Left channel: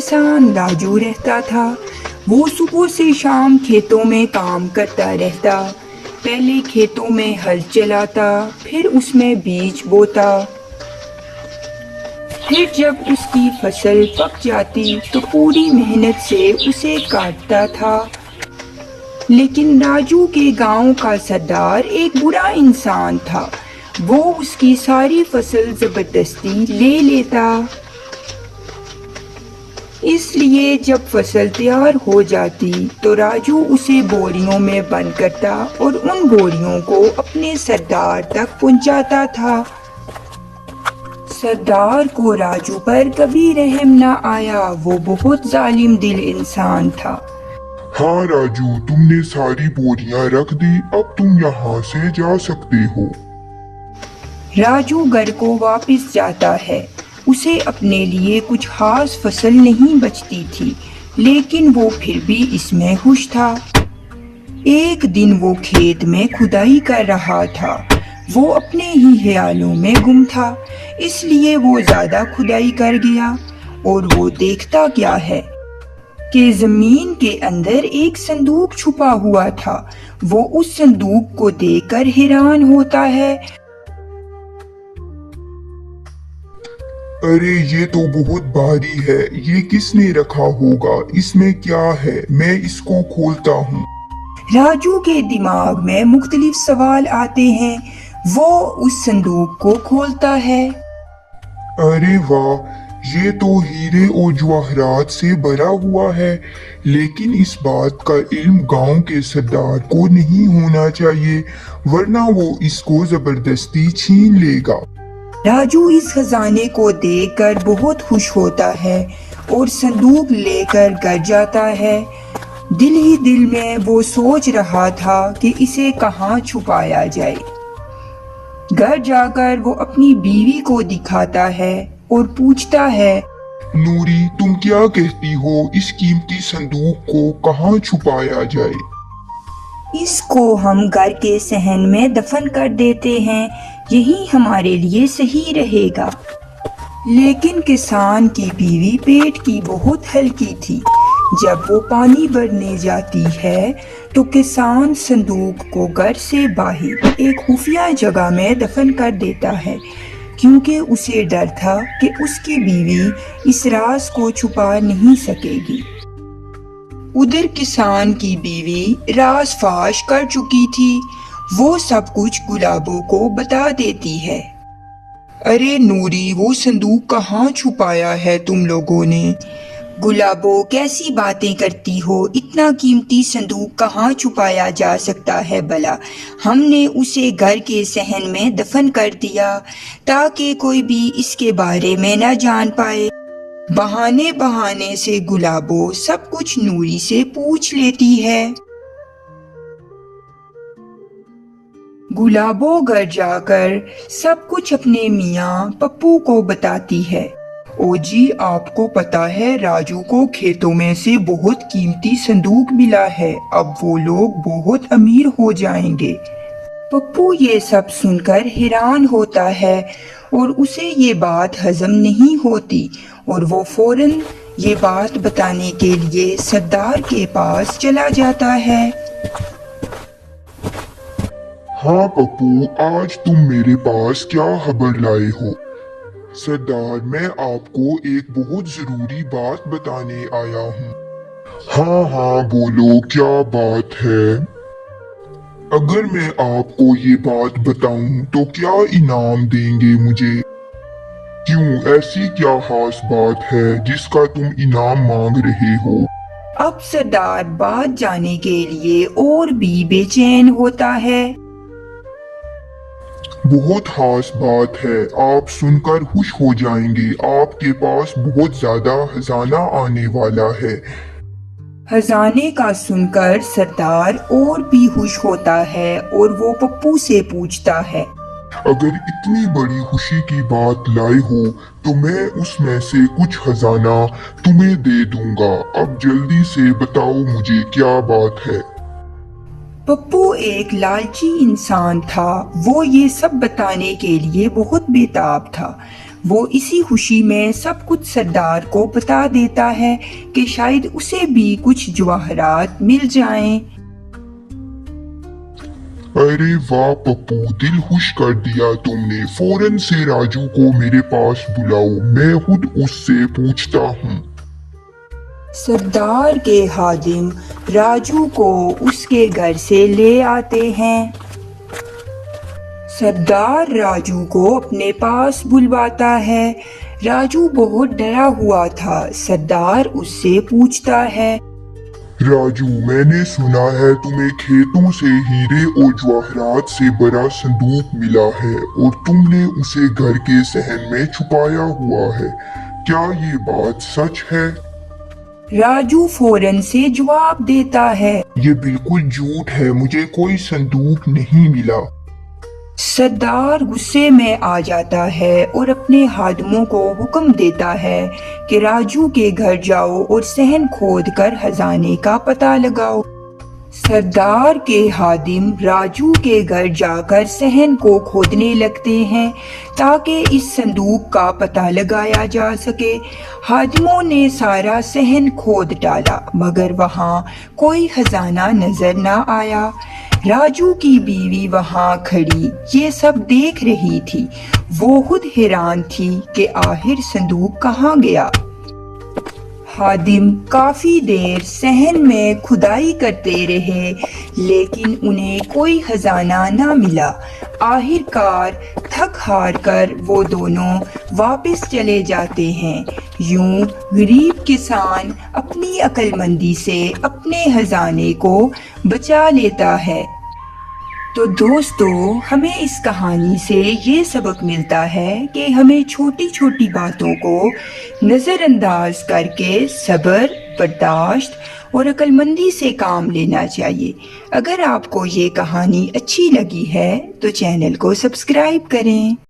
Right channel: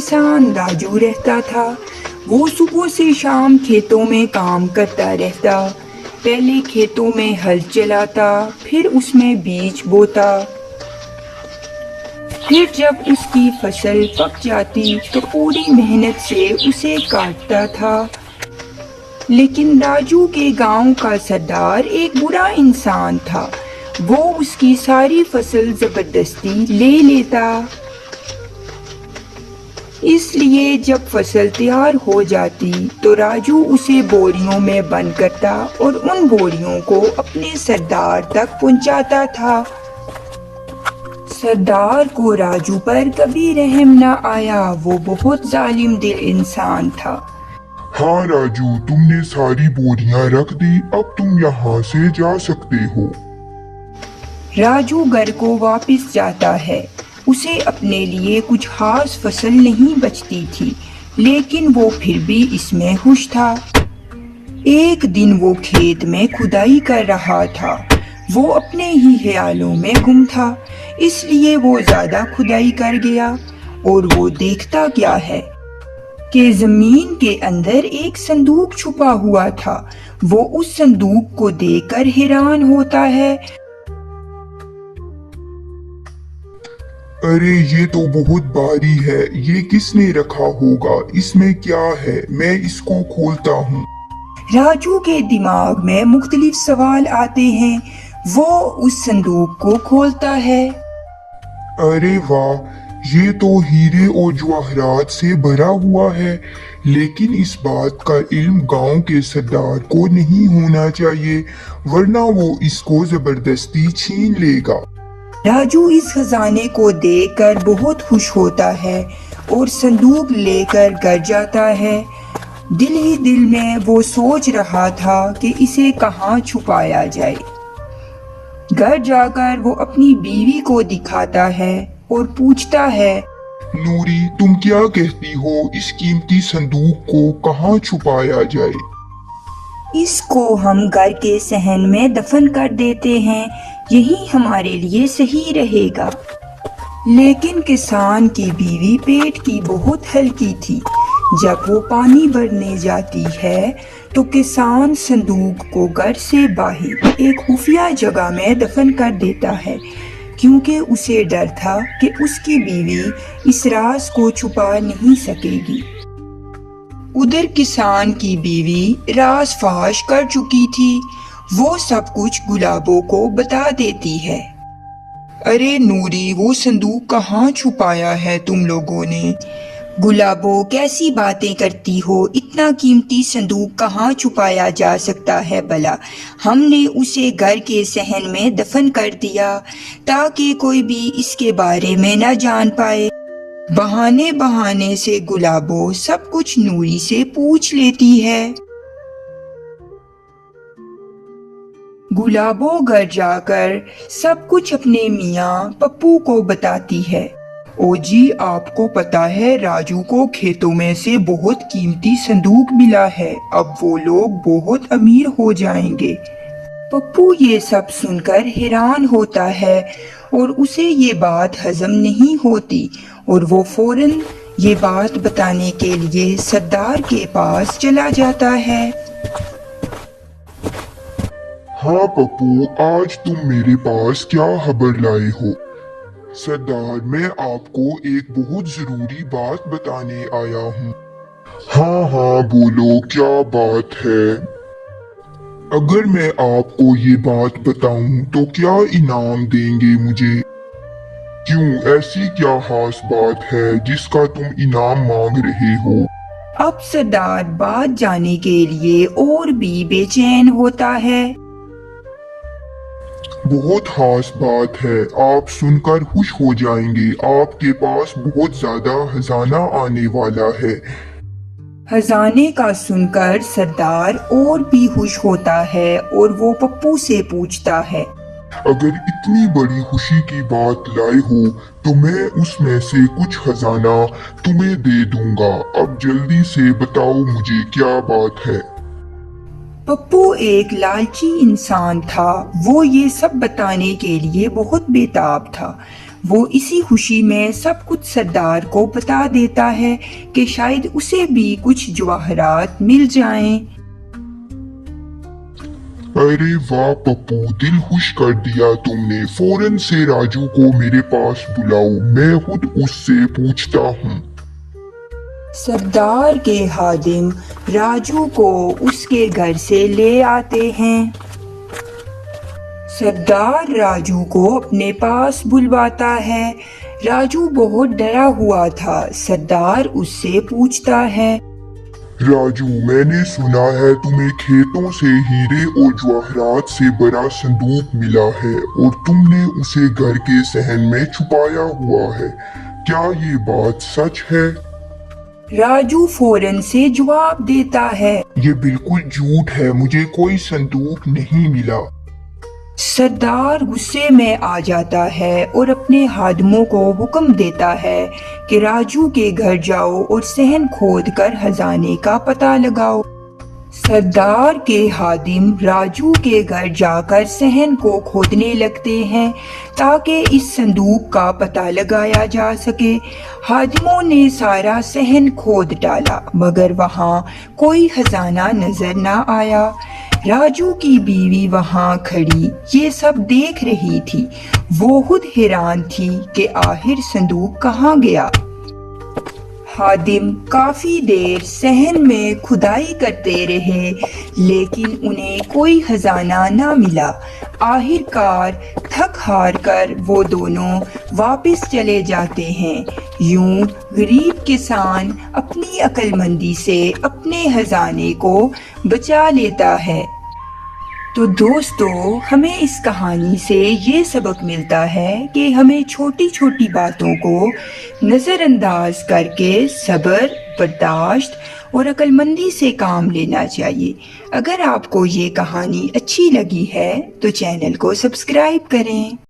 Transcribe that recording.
किसान राजू रहता था। वो सुबह से शाम खेतों में काम करता रहता। पहले खेतों में हल चलाता, फिर उसमें बीज बोता। फिर जब उसकी फसल पक जाती तो पूरी मेहनत से उसे काटता था। लेकिन राजू के गांव का सरदार एक बुरा इंसान था। वो उसकी सारी फसल जबरदस्ती ले लेता। इसलिए जब फसल तैयार हो जाती तो राजू उसे बोरियों में बंद करता और उन बोरियों को अपने सरदार तक पहुंचाता था। सरदार को राजू पर कभी रहम न आया। वो बहुत जालिम दिल इंसान था। हाँ राजू, तुमने सारी बोरियां रख दी, अब तुम यहाँ से जा सकते हो। राजू घर को वापस जाता है। उसे अपने लिए कुछ खास फसल नहीं बचती थी, लेकिन वो फिर भी इसमें खुश था। एक दिन वो खेत में खुदाई कर रहा था। वो अपने ही ख्यालों में गुम था, इसलिए वो ज्यादा खुदाई कर गया और वो देखता क्या है कि जमीन के अंदर एक संदूक छुपा हुआ था। वो उस संदूक को देखकर हैरान होता है। अरे ये तो बहुत भारी है, ये किसने रखा होगा? इसमें क्या है? मैं इसको खोलता हूँ। राजू के दिमाग में मुख्तलिफ सवाल आते हैं। वो उस संदूक को खोलता है। अरे वाह, ये तो हीरे और जवाहरात से भरा हुआ है। लेकिन इस बात का इल्म गांव के सरदार को नहीं होना चाहिए, वरना वो इसको जबरदस्ती छीन लेगा। राजू इस खजाने को देखकर बहुत खुश होता है और संदूक लेकर घर जाता है। दिल ही दिल में वो सोच रहा था कि इसे कहाँ छुपाया जाए। घर जाकर वो अपनी बीवी को दिखाता है और पूछता है, नूरी, तुम क्या कहती हो? इस कीमती संदूक को कहाँ छुपाया जाए? इसको हम घर के सहन में दफन कर देते हैं, यही हमारे लिए सही रहेगा। लेकिन किसान की बीवी पेट की बहुत हल्की थी। जब वो पानी भरने जाती है तो किसान संदूक को घर से बाहर एक खुफिया जगह में दफन कर देता है, क्योंकि उसे डर था कि उसकी बीवी इस राज को छुपा नहीं सकेगी। उधर किसान की बीवी राज फाश कर चुकी थी। वो सब कुछ गुलाबों को बता देती है। अरे नूरी, वो संदूक कहाँ छुपाया है तुम लोगों ने? गुलाबो, कैसी बातें करती हो? इतना कीमती संदूक कहाँ छुपाया जा सकता है भला? हमने उसे घर के सहन में दफन कर दिया ताकि कोई भी इसके बारे में न जान पाए। बहाने बहाने से गुलाबो सब कुछ नूरी से पूछ लेती है। गुलाबो घर जाकर सब कुछ अपने मियाँ पप्पू को बताती है। ओ जी, आपको पता है राजू को खेतों में से बहुत कीमती संदूक मिला है। अब वो लोग बहुत अमीर हो जाएंगे। पप्पू ये सब सुनकर हैरान होता है और उसे ये बात हजम नहीं होती और वो फौरन ये बात बताने के लिए सरदार के पास चला जाता है। हाँ पप्पू, आज तुम मेरे पास क्या खबर लाए हो? सरदार, मैं आपको एक बहुत जरूरी बात बताने आया हूँ। हाँ हाँ बोलो, क्या बात है? अगर मैं आपको ये बात बताऊं तो क्या इनाम देंगे मुझे? क्यों, ऐसी क्या खास बात है जिसका तुम इनाम मांग रहे हो? अब सरदार बात जानने के लिए और भी बेचैन होता है। बहुत खास बात है, आप सुनकर खुश हो जाएंगे। आपके पास बहुत ज्यादा खजाना आने वाला है। खजाने का सुनकर सरदार और भी खुश होता है और वो पप्पू से पूछता है, अगर इतनी बड़ी खुशी की बात लाए हो तो मैं उसमें से कुछ खजाना तुम्हें दे दूंगा। अब जल्दी से बताओ मुझे क्या बात है। पप्पू एक लालची इंसान था। वो ये सब बताने के लिए बहुत बेताब था। وہ اسی خوشی میں سب کچھ سردار کو بتا دیتا ہے کہ شاید اسے بھی کچھ جواہرات مل جائیں۔ ارے واہ پپو، دل خوش کر دیا تم نے۔ فوراً سے راجو کو میرے پاس بلاؤ، میں خود اس سے پوچھتا ہوں۔ سردار کے خادم راجو کو اس کے گھر سے لے آتے ہیں۔ سردار راجو کو اپنے پاس بلواتا ہے۔ راجو بہت ڈرا ہوا تھا۔ سردار اس سے پوچھتا ہے، راجو، میں نے سنا ہے تمہیں کھیتوں سے ہیرے اور جواہرات سے بڑا صندوق ملا ہے اور تم نے اسے گھر کے صحن میں چھپایا ہوا ہے، کیا یہ بات سچ ہے؟ راجو فوراً سے جواب دیتا ہے، یہ بالکل جھوٹ ہے، مجھے کوئی صندوق نہیں ملا۔ سردار غصے میں آ جاتا ہے اور اپنے خادموں کو حکم دیتا ہے کہ راجو کے گھر جاؤ اور صحن کھود کر خزانے کا پتہ لگاؤ۔ سردار کے خادم راجو کے گھر جا کر صحن کو کھودنے لگتے ہیں تاکہ اس صندوق کا پتہ لگایا جا سکے۔ خادموں نے سارا صحن کھود ڈالا مگر وہاں کوئی خزانہ نظر نہ آیا۔ راجو کی بیوی وہاں کھڑی یہ سب دیکھ رہی تھی۔ وہ خود حیران تھی کہ آخر صندوق کہاں گیا۔ خادم کافی دیر صحن میں کھدائی کرتے رہے لیکن انہیں کوئی خزانہ نہ ملا۔ آخر کار تھک ہار کر وہ دونوں واپس چلے جاتے ہیں۔ یوں غریب کسان اپنی عقل مندی سے اپنے خزانے کو بچا لیتا ہے۔ تو دوستو، ہمیں اس کہانی سے یہ سبق ملتا ہے کہ ہمیں چھوٹی چھوٹی باتوں کو نظر انداز کر کے صبر، برداشت اور عقل مندی سے کام لینا چاہیے۔ اگر آپ کو یہ کہانی اچھی لگی ہے تو چینل کو سبسکرائب کریں۔